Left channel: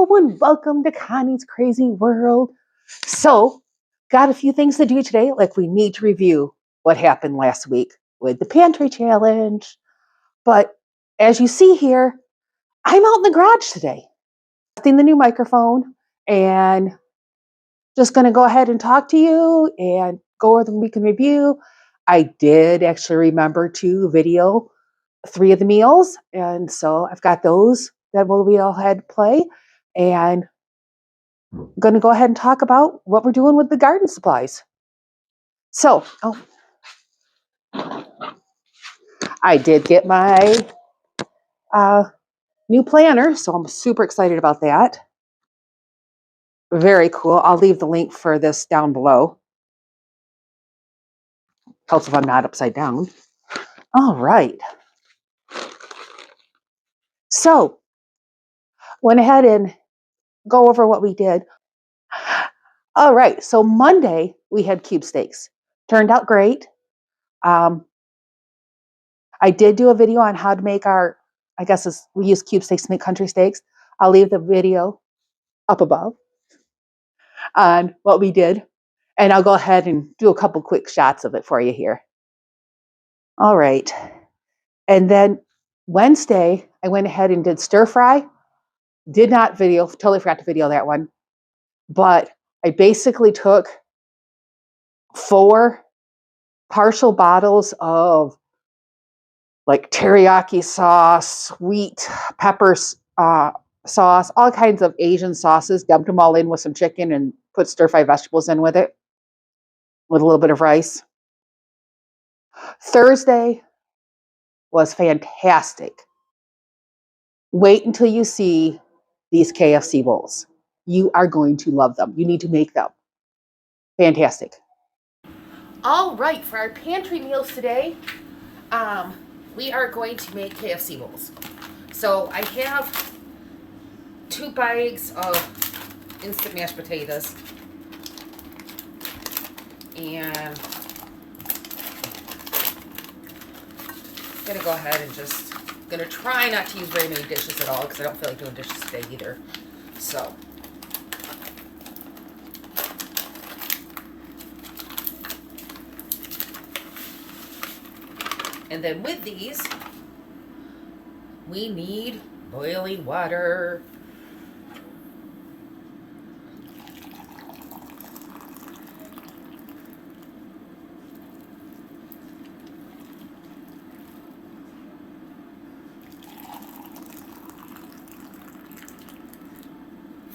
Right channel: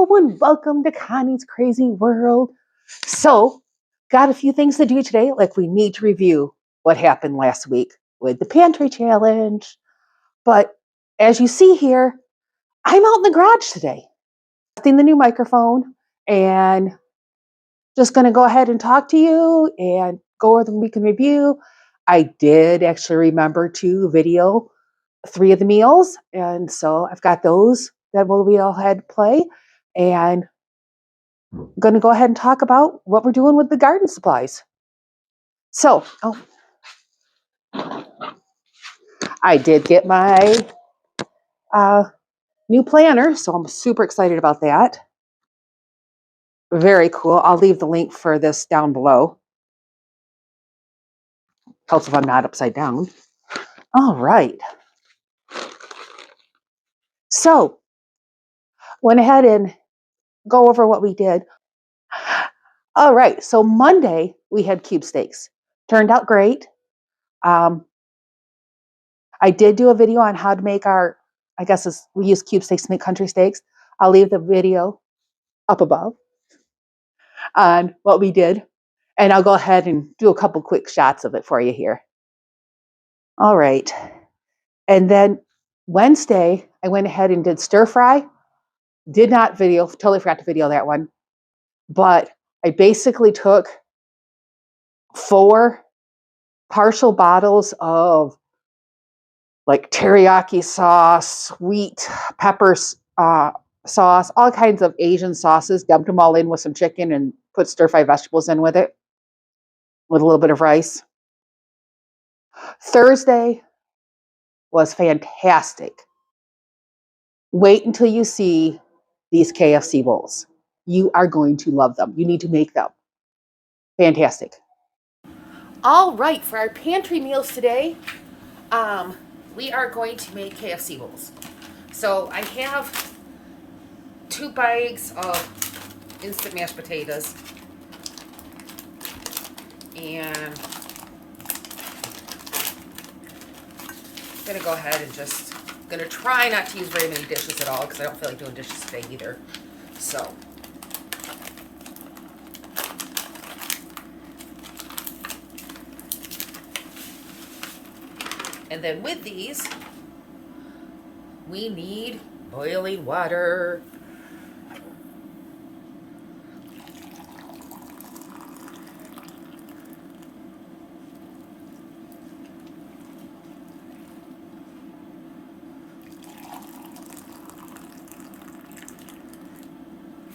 Hello and welcome to Connie's Crazy World. So, got a few things to do today. Like we need to review what happened last week with the Pantry Challenge. But as you see here, I'm out in the garage today, testing the new microphone, and just going to go ahead and talk to you and go over the week in review. I did actually remember to video 3 of the meals, and so I've got those that we'll be all ahead play. And I'm going to go ahead and talk about what we're doing with the garden supplies. So, I did get my new planner, so I'm super excited about that. Very cool. I'll leave the link for this down below. Helps if I'm not upside down. All right. So, went ahead and go over what we did. All right. So Monday we had cube steaks. Turned out great. I did do a video on how to make we use cube steaks to make country steaks. I'll leave the video up above on what we did. And I'll go ahead and do a couple quick shots of it for you here. All right. And then Wednesday, I went ahead and did stir fry. Did not video, totally forgot to video that one. But I basically took 4 partial bottles of like teriyaki sauce, sweet pepper sauce, all kinds of Asian sauces, dumped them all in with some chicken and put stir-fry vegetables in with it, with a little bit of rice. Thursday was fantastic. Wait until you see these KFC bowls. You are going to love them. You need to make them. Fantastic. All right, for our pantry meals today, we are going to make KFC bowls. So I have 2 bags of instant mashed potatoes, and I'm gonna go ahead and gonna try not to use very many dishes at all because I don't feel like doing dishes today either. So. And then with these, we need boiling water.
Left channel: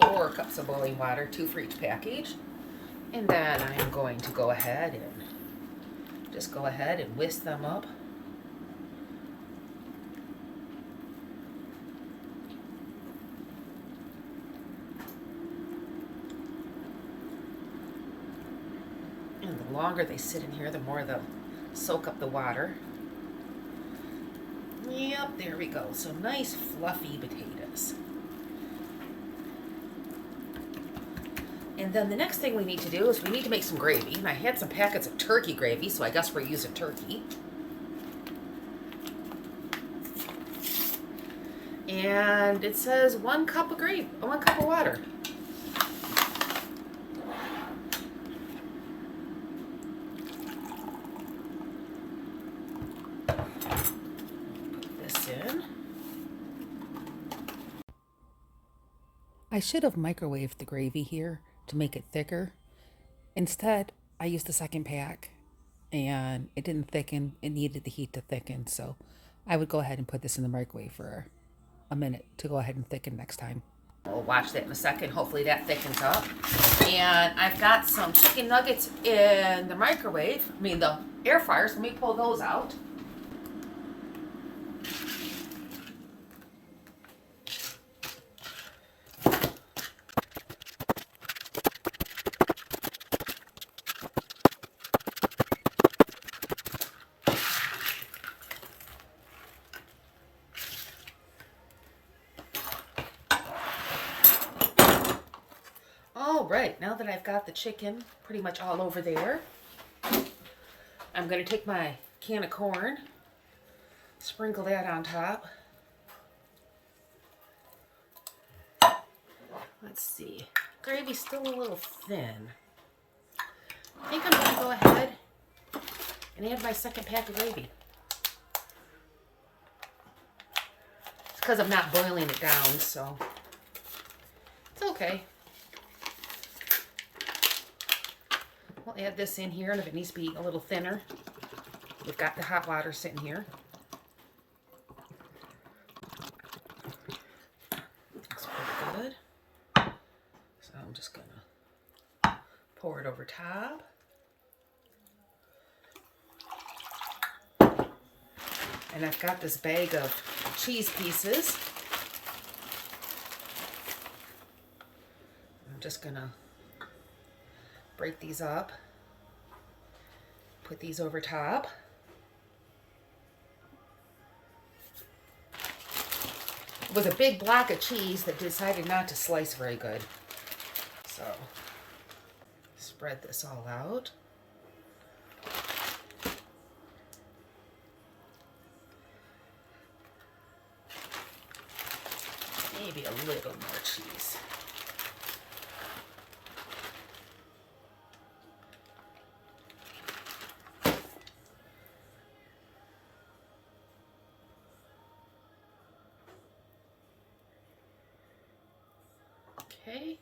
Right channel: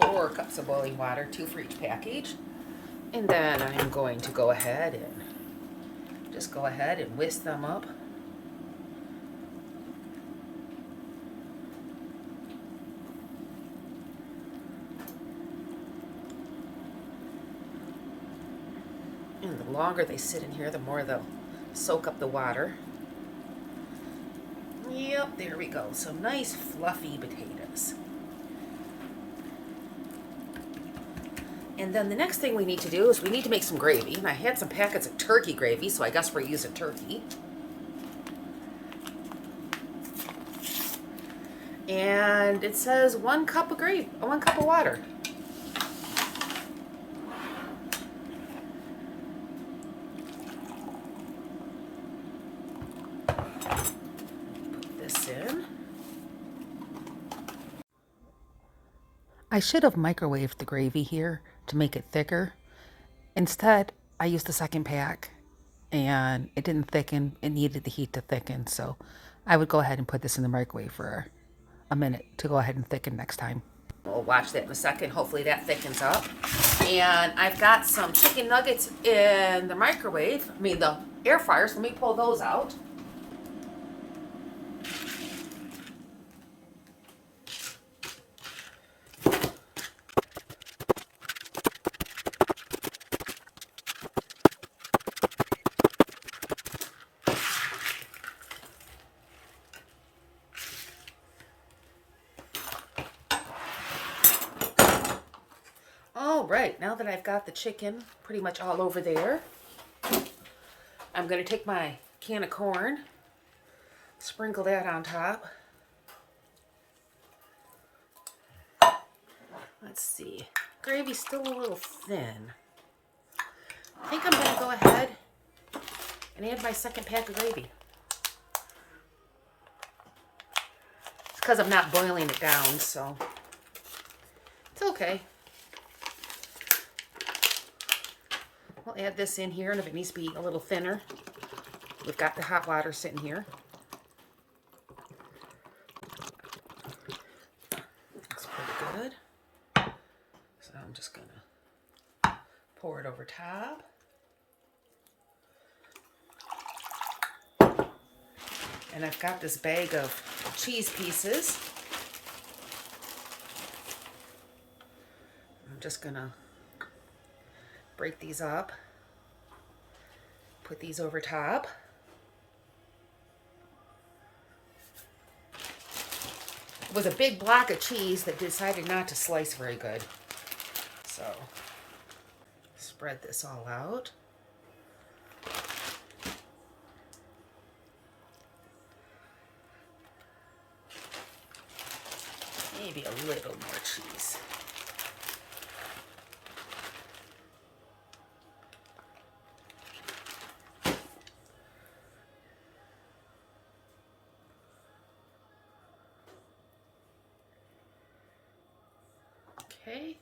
Four cups of boiling water, 2 for each package. And then I'm going to go ahead and whisk them up. And the longer they sit in here, the more they'll soak up the water. Yep, there we go. So nice fluffy potatoes. And then the next thing we need to do is we need to make some gravy. And I had some packets of turkey gravy, so I guess we're using turkey. And it says 1 cup of gravy, 1 cup of water. Put this in. I should have microwaved the gravy here to make it thicker. Instead, I used the second pack and it didn't thicken. It needed the heat to thicken. So I would go ahead and put this in the microwave for a minute to go ahead and thicken next time. We'll watch that in a second. Hopefully that thickens up. And I've got some chicken nuggets in the microwave. The air fryer. So let me pull those out. All right, now that I've got the chicken pretty much all over there, I'm going to take my can of corn, sprinkle that on top. Let's see. Gravy's still a little thin. I think I'm going to go ahead and add my second pack of gravy. It's because I'm not boiling it down, so it's okay. We'll add this in here, and if it needs to be a little thinner, we've got the hot water sitting here. Looks pretty good. So I'm just going to pour it over top. And I've got this bag of cheese pieces. I'm just going to break these up, put these over top. With a big block of cheese that decided not to slice very good. So, spread this all out. Maybe a little more cheese. Okay.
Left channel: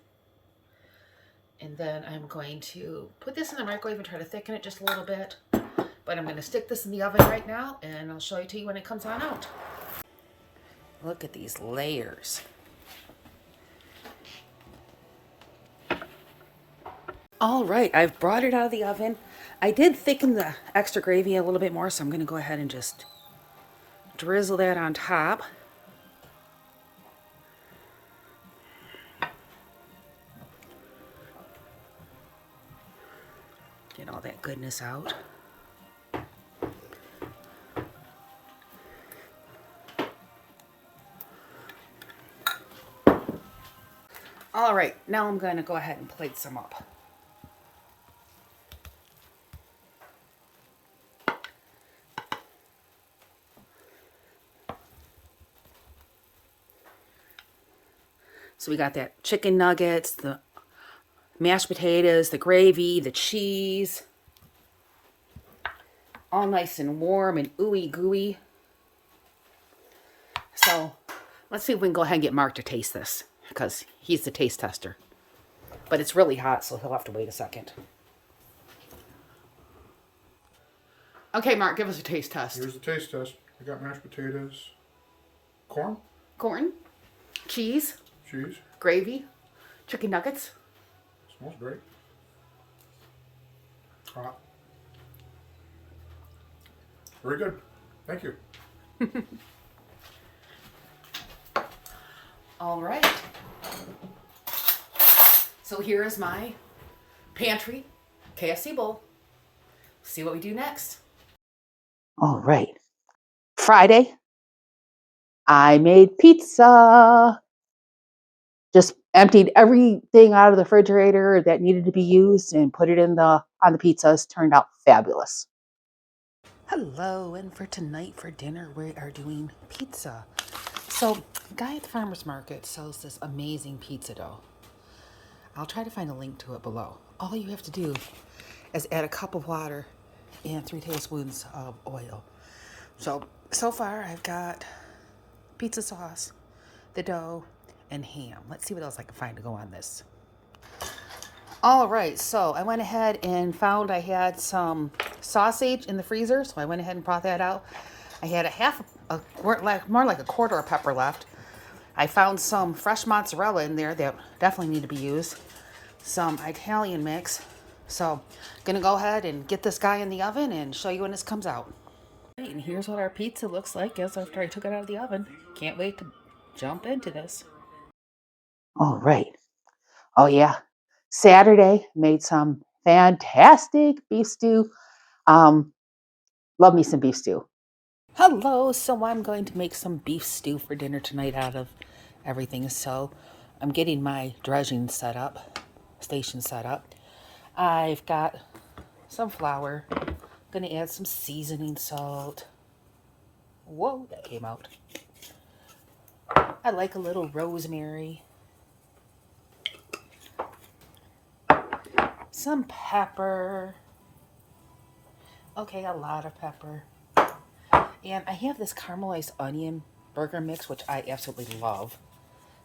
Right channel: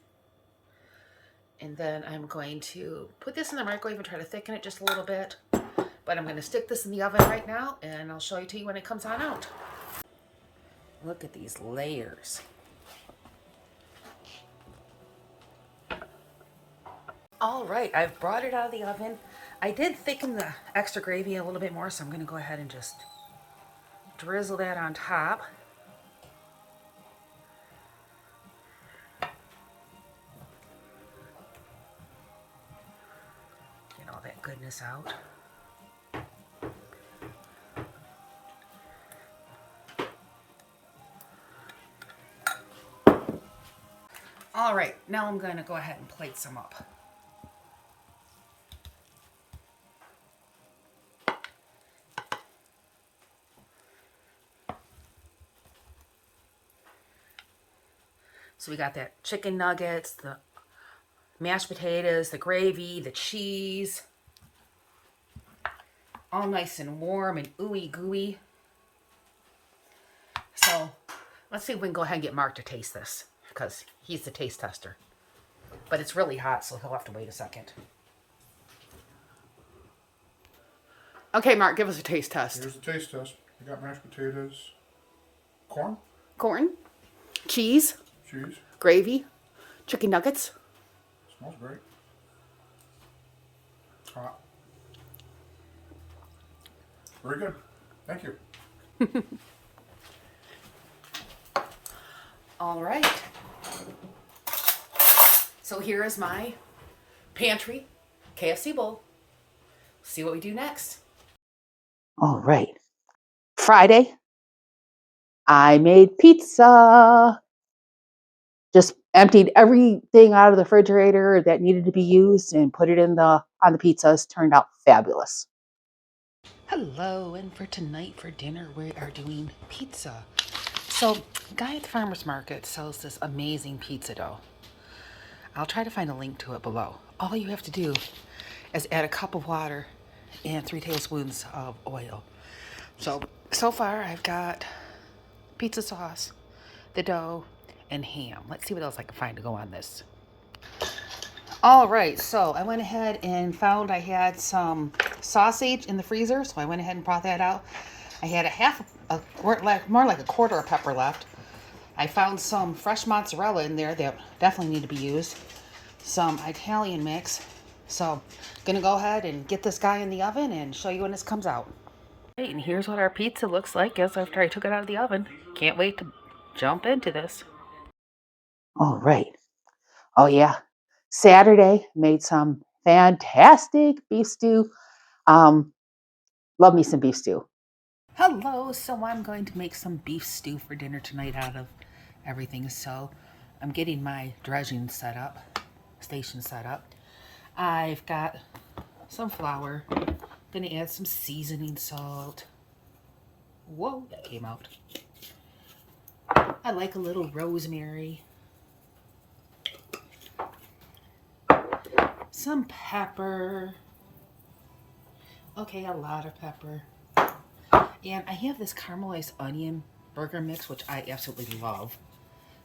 And then I'm going to put this in the microwave and try to thicken it just a little bit. But I'm going to stick this in the oven right now, and I'll show it to you when it comes on out. Look at these layers. All right, I've brought it out of the oven. I did thicken the extra gravy a little bit more, so I'm going to go ahead and just drizzle that on top. Get all that goodness out. All right, now I'm going to go ahead and plate some up. So we got that chicken nuggets, the mashed potatoes, the gravy, the cheese. All nice and warm and ooey gooey. So let's see if we can go ahead and get Mark to taste this, because he's the taste tester. But it's really hot, so he'll have to wait a second. Okay, Mark, give us a taste test. Here's the taste test. I got mashed potatoes, corn, cheese, gravy, chicken nuggets. smells great. Hot. Very good. Thank you. All right. So here is my Pantry KFC Bowl. See what we do next. All right. Friday, I made pizza. Just emptied everything out of the refrigerator that needed to be used and put it in on the pizzas. Turned out fabulous. Hello, and for tonight for dinner we are doing pizza. So, a guy at the farmer's market sells this amazing pizza dough. I'll try to find a link to it below. All you have to do is add a cup of water and 3 tablespoons of oil. So far I've got pizza sauce, the dough, and ham. Let's see what else I can find to go on this. All right, so I went ahead and found I had some sausage in the freezer, so I went ahead and brought that out. I had more like a quarter of pepper left. I found some fresh mozzarella in there that definitely need to be used. Some Italian mix. So, gonna go ahead and get this guy in the oven and show you when this comes out. Hey, and here's what our pizza looks like after I took it out of the oven. Can't wait to jump into this. All right. Oh, yeah. Saturday, made some fantastic beef stew. Love me some beef stew. Hello, so I'm going to make some beef stew for dinner tonight out of everything. So I'm getting my dredging station set up. I've got some flour. Gonna add some seasoning salt. Whoa, that came out. I like a little rosemary. some pepper. Okay, a lot of pepper. And I have this caramelized onion burger mix, which I absolutely love.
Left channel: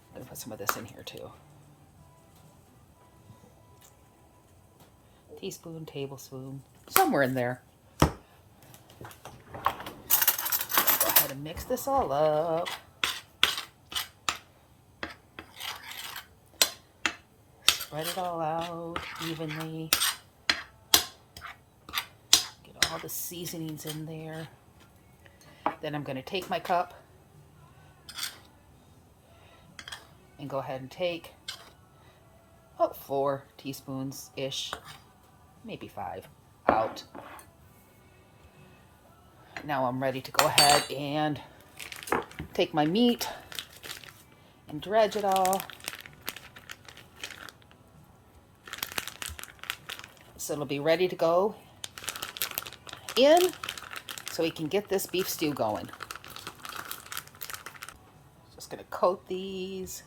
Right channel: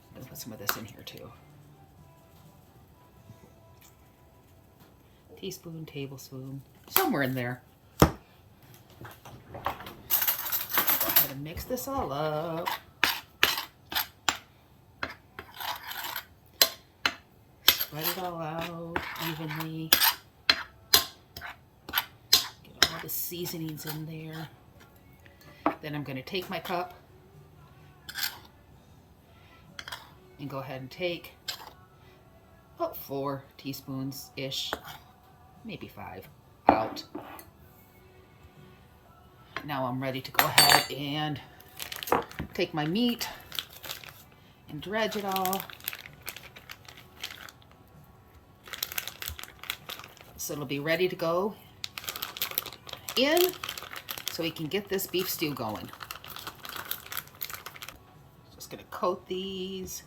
I'm going to put some of this in here too. Teaspoon, tablespoon, somewhere in there. Go ahead and mix this all up. Spread it all out evenly. Get all the seasonings in there. Then I'm going to take my cup and go ahead and take about 4 teaspoons-ish, maybe 5, out. Now I'm ready to go ahead and take my meat and dredge it all. So it'll be ready to go in so we can get this beef stew going. Just gonna coat these.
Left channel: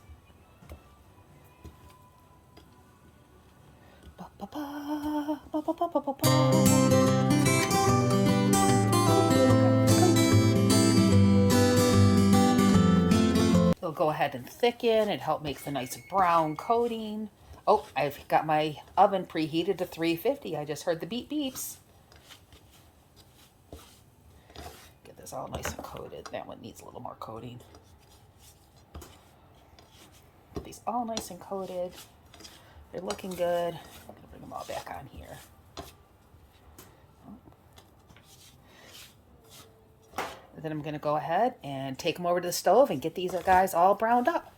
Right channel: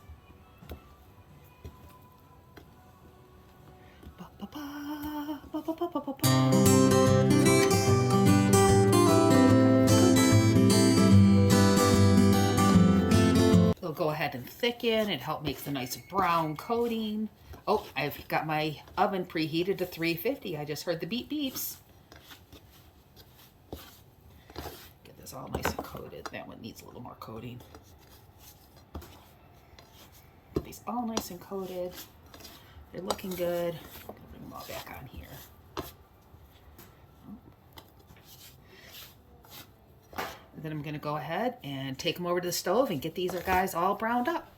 It'll go ahead and thicken. It helps make the nice brown coating. Oh, I've got my oven preheated to 350. I just heard the beep beeps. Get this all nice and coated. That one needs a little more coating. Get these all nice and coated. They're looking good. I'm gonna bring them all back on here. And then I'm gonna go ahead and take them over to the stove and get these guys all browned up.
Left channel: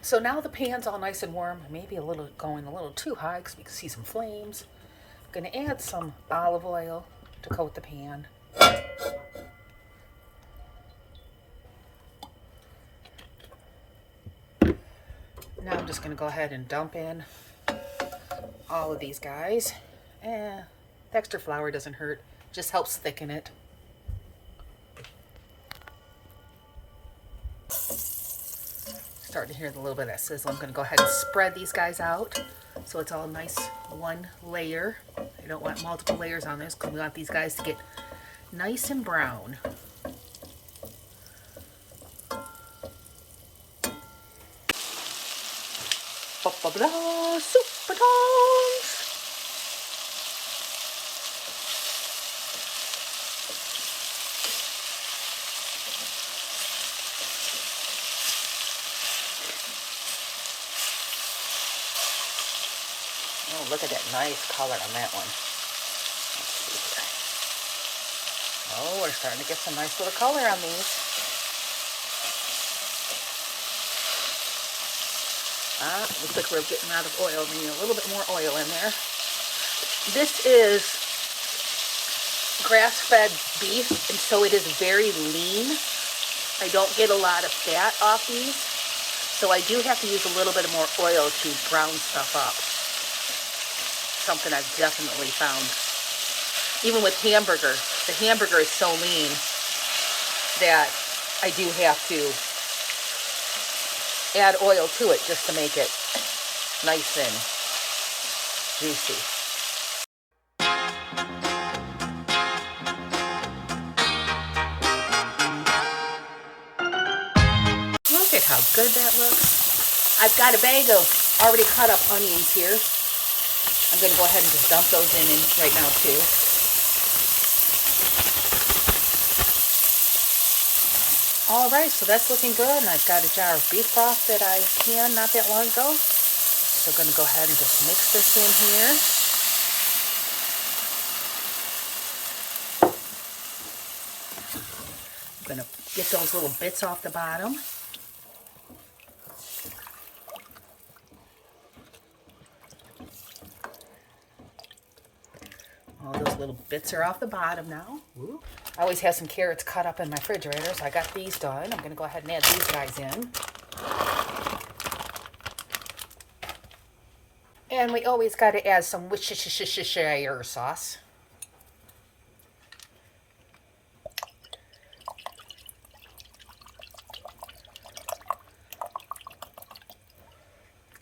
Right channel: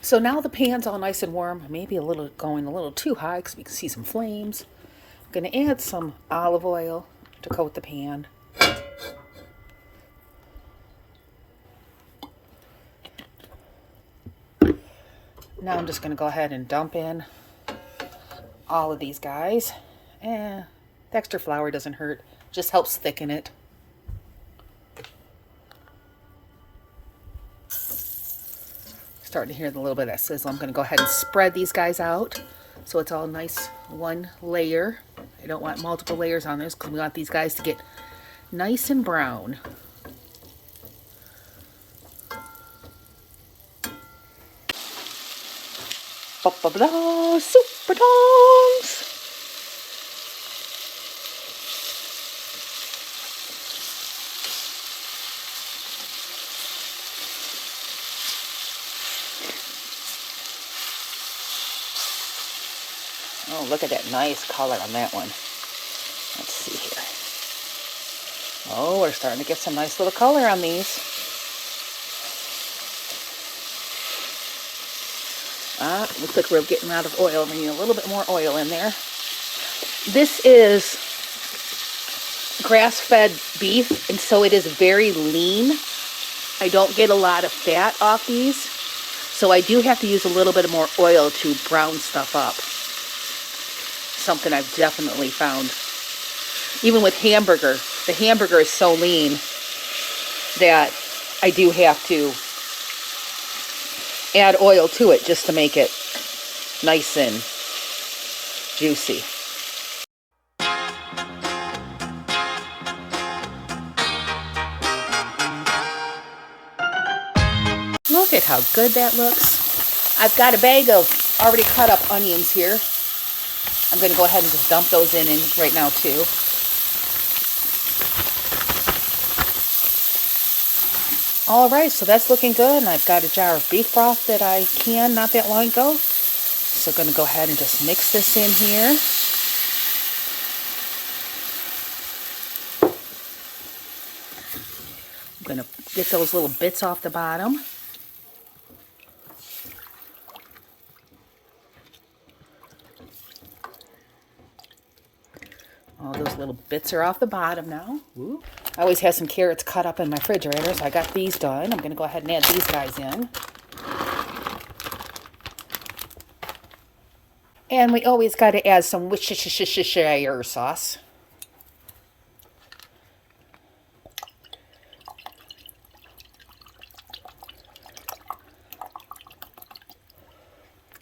So now the pan's all nice and warm, maybe going a little too high because we can see some flames. I'm going to add some olive oil to coat the pan. Now I'm just going to go ahead and dump in all of these guys. The extra flour doesn't hurt, just helps thicken it. Starting to hear a little bit of that sizzle. I'm going to go ahead and spread these guys out so it's all nice one layer. I don't want multiple layers on this because we want these guys to get nice and brown. Super tongs. Oh, look at that nice color on that one. Let's see here. Oh, we're starting to get some nice little color on these. Looks like we're getting out of oil. We need a little bit more oil in there. This is grass-fed beef, and so it is very lean. I don't get a lot of fat off these, so I do have to use a little bit more oil to brown stuff up. Something I've definitely found. Even with hamburger, the hamburger is so lean that I do have to add oil to it just to make it nice and juicy. Look at how good that looks. I've got a bag of already cut up onions here. I'm going to go ahead and just dump those in right now too. Alright, so that's looking good, and I've got a jar of beef broth that I canned not that long ago. So I'm going to go ahead and just mix this in here. I'm going to get those little bits off the bottom. All those little bits are off the bottom now. Ooh. I always have some carrots cut up in my refrigerator, so I got these done. I'm going to go ahead and add these guys in. And we always got to add some Worcestershire sauce.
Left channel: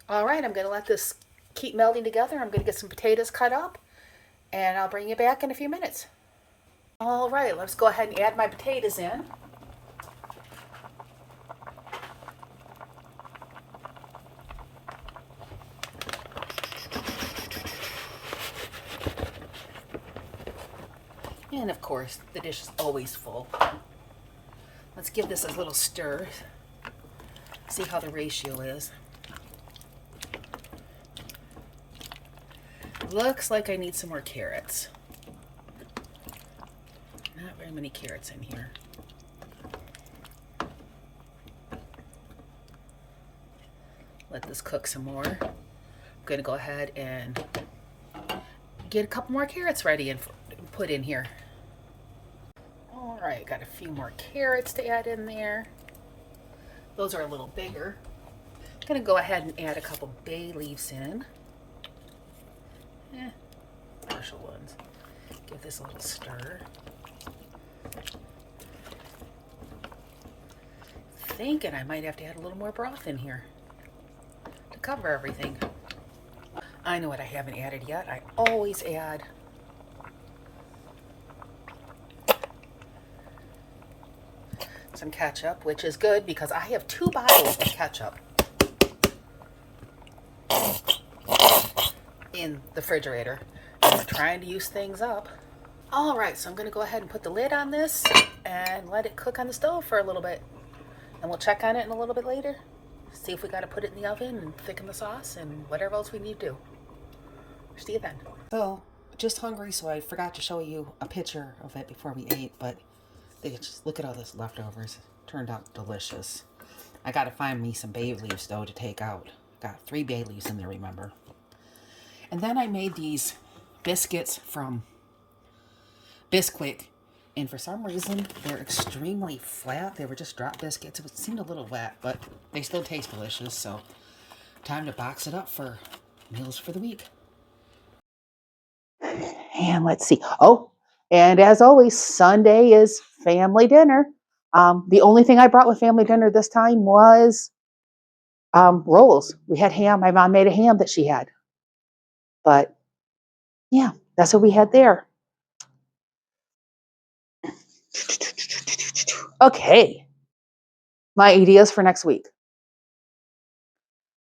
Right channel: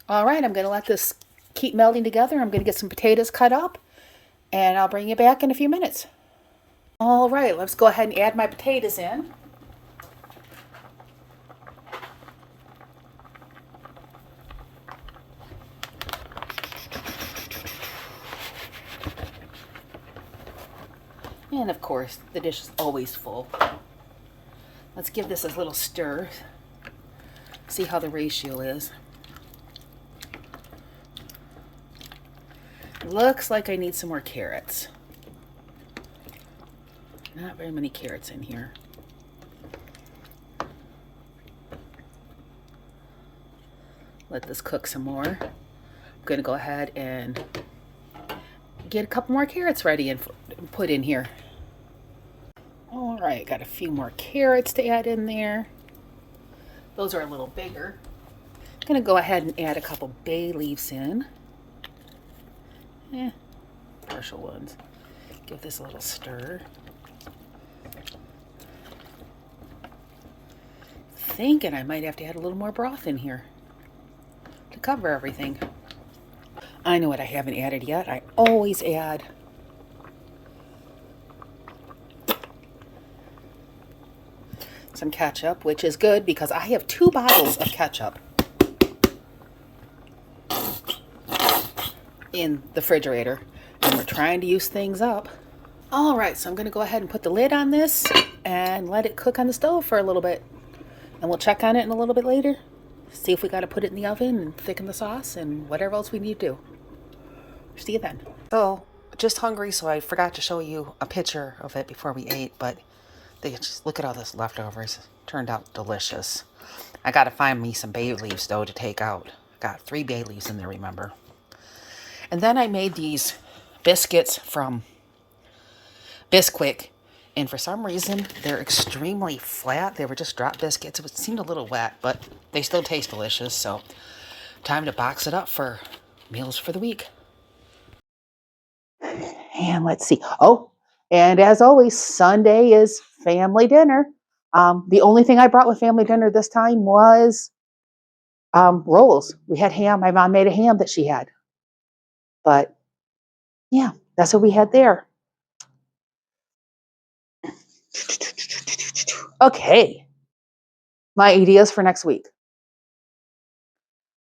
All right, I'm going to let this keep melding together. I'm going to get some potatoes cut up, and I'll bring you back in a few minutes. All right, let's go ahead and add my potatoes in. And of course, the dish is always full. Let's give this a little stir. See how the ratio is. Looks like I need some more carrots. Not very many carrots in here. Let this cook some more. I'm going to go ahead and get a couple more carrots ready and put in here. All right, got a few more carrots to add in there. Those are a little bigger. I'm going to go ahead and add a couple bay leaves in. Partial ones. Give this a little stir. Thinking I might have to add a little more broth in here to cover everything. I know what I haven't added yet. I always add some ketchup, which is good because I have 2 bottles of ketchup in the refrigerator. I'm trying to use things up. All right, so I'm going to go ahead and put the lid on this and let it cook on the stove for a little bit. And we'll check on it in a little bit later. See if we got to put it in the oven and thicken the sauce and whatever else we need to do. See you then. So, just hungry, so I forgot to show you a picture of it before we ate, but just look at all this leftovers. Turned out delicious. I got to find me some bay leaves, though, to take out. Got 3 bay leaves in there, remember. And then I made these biscuits from Bisquick, and for some reason they're extremely flat. They were just drop biscuits. It seemed a little wet, but they still taste delicious. So time to box it up for meals for the week. And let's see. Oh, and as always, Sunday is family dinner. The only thing I brought with family dinner this time was rolls. We had ham. My mom made a ham that she had. But yeah, that's what we had there. Okay. My ideas for next week.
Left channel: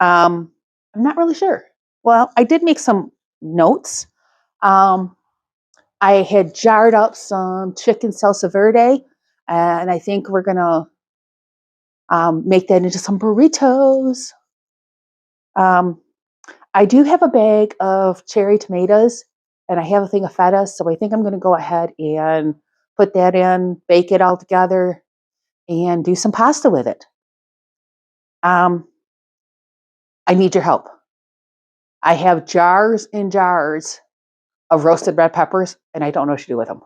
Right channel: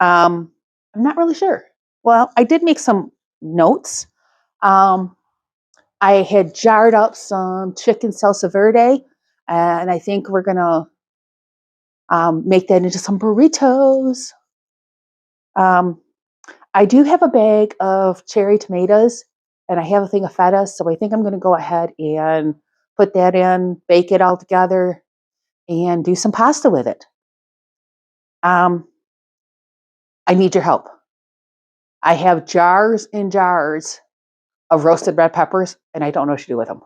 I'm not really sure. Well, I did make some notes. I had jarred up some chicken salsa verde, and I think we're going to make that into some burritos. I do have a bag of cherry tomatoes, and I have a thing of feta, so I think I'm going to go ahead and put that in, bake it all together, and do some pasta with it. I need your help. I have jars and jars of roasted red peppers, and I don't know what to do with them.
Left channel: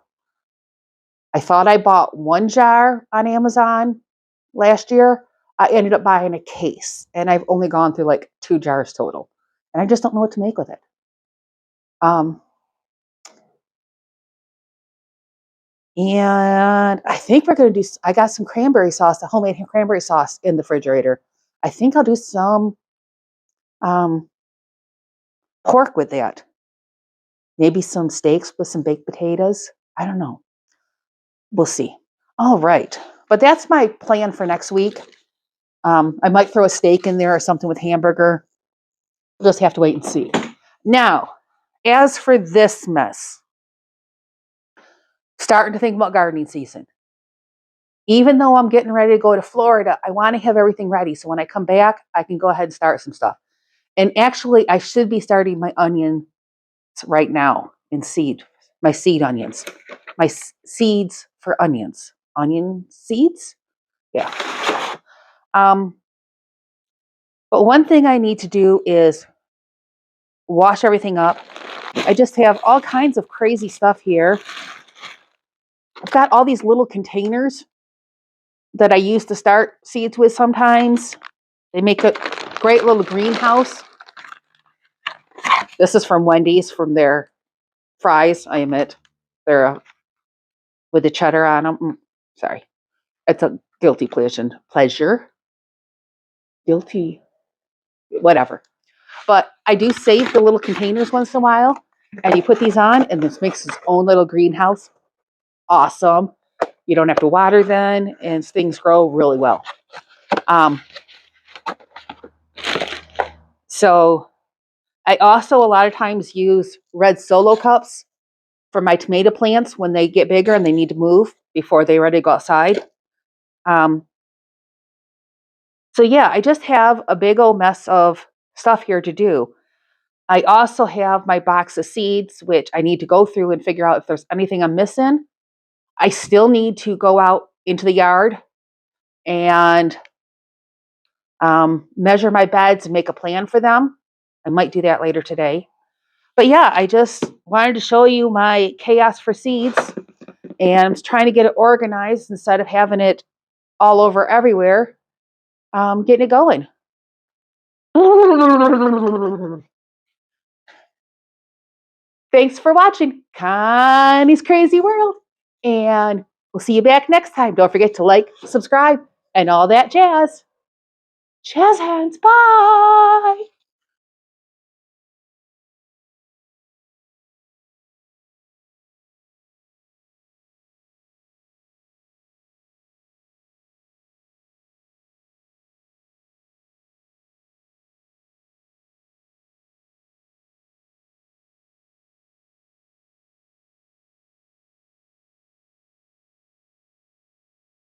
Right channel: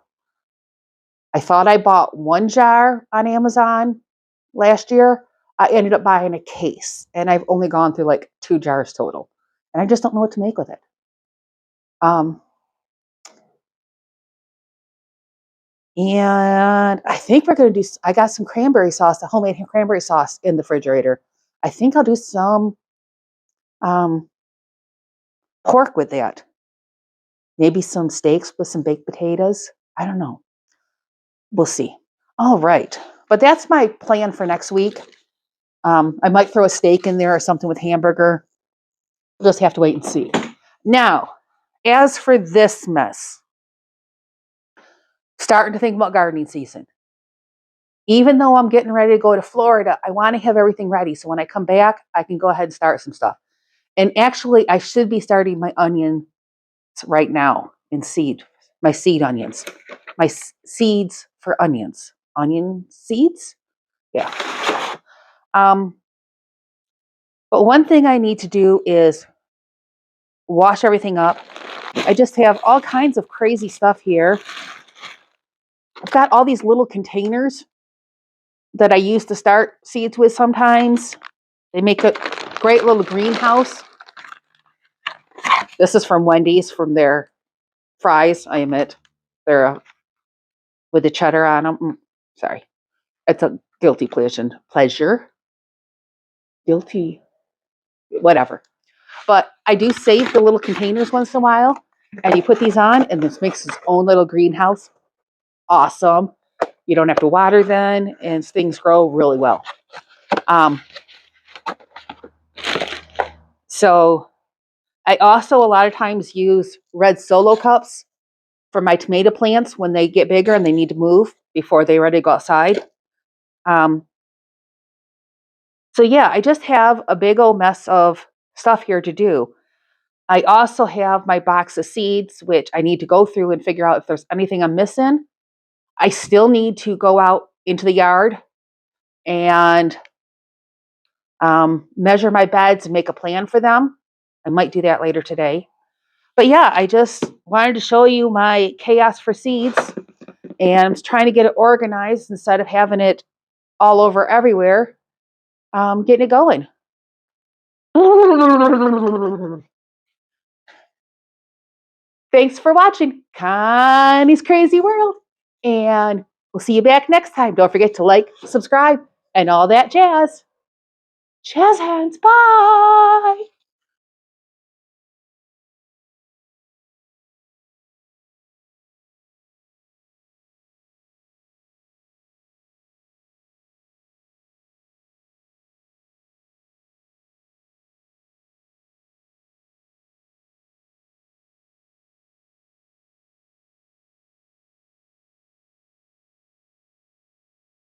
I thought I bought 1 jar on Amazon last year. I ended up buying a case, and I've only gone through like 2 jars total, and I just don't know what to make with it. And I think we're going to do, I got some cranberry sauce, the homemade cranberry sauce in the refrigerator. I think I'll do some pork with that. Maybe some steaks with some baked potatoes. I don't know. We'll see. All right. But that's my plan for next week. I might throw a steak in there or something with hamburger. We'll just have to wait and see. Now, as for this mess, starting to think about gardening season. Even though I'm getting ready to go to Florida, I want to have everything ready. So when I come back, I can go ahead and start some stuff. And actually, I should be starting my onions right now in seed, my seed onions, my seeds for onions. Onion seeds? Yeah. But one thing I need to do is wash everything up. I just have all kinds of crazy stuff here. I've got all these little containers that I use to start seeds with sometimes. They make a great little greenhouse. This is from Wendy's, from their fries, I admit. They're with the cheddar on them. Sorry. It's a guilty pleasure. Guilty, whatever. but I do save the little containers once in a while. And you put these on, and this makes its own little greenhouse. Awesome. You don't have to water then, and things grow really well. So I also a lot of times use red Solo cups for my tomato plants when they get bigger and they need to move before they're ready to go outside. So yeah, I just have a big old mess of stuff here to do. I also have my box of seeds, which I need to go through and figure out if there's anything I'm missing. I still need to go out into the yard and measure my beds and make a plan for them. I might do that later today. But yeah, I just wanted to show you my chaos for seeds, and I'm trying to get it organized instead of having it all over everywhere, getting it going. Thanks for watching Connie's Crazy World, and we'll see you back next time. Don't forget to like, subscribe, and all that jazz. Jazz hands, bye!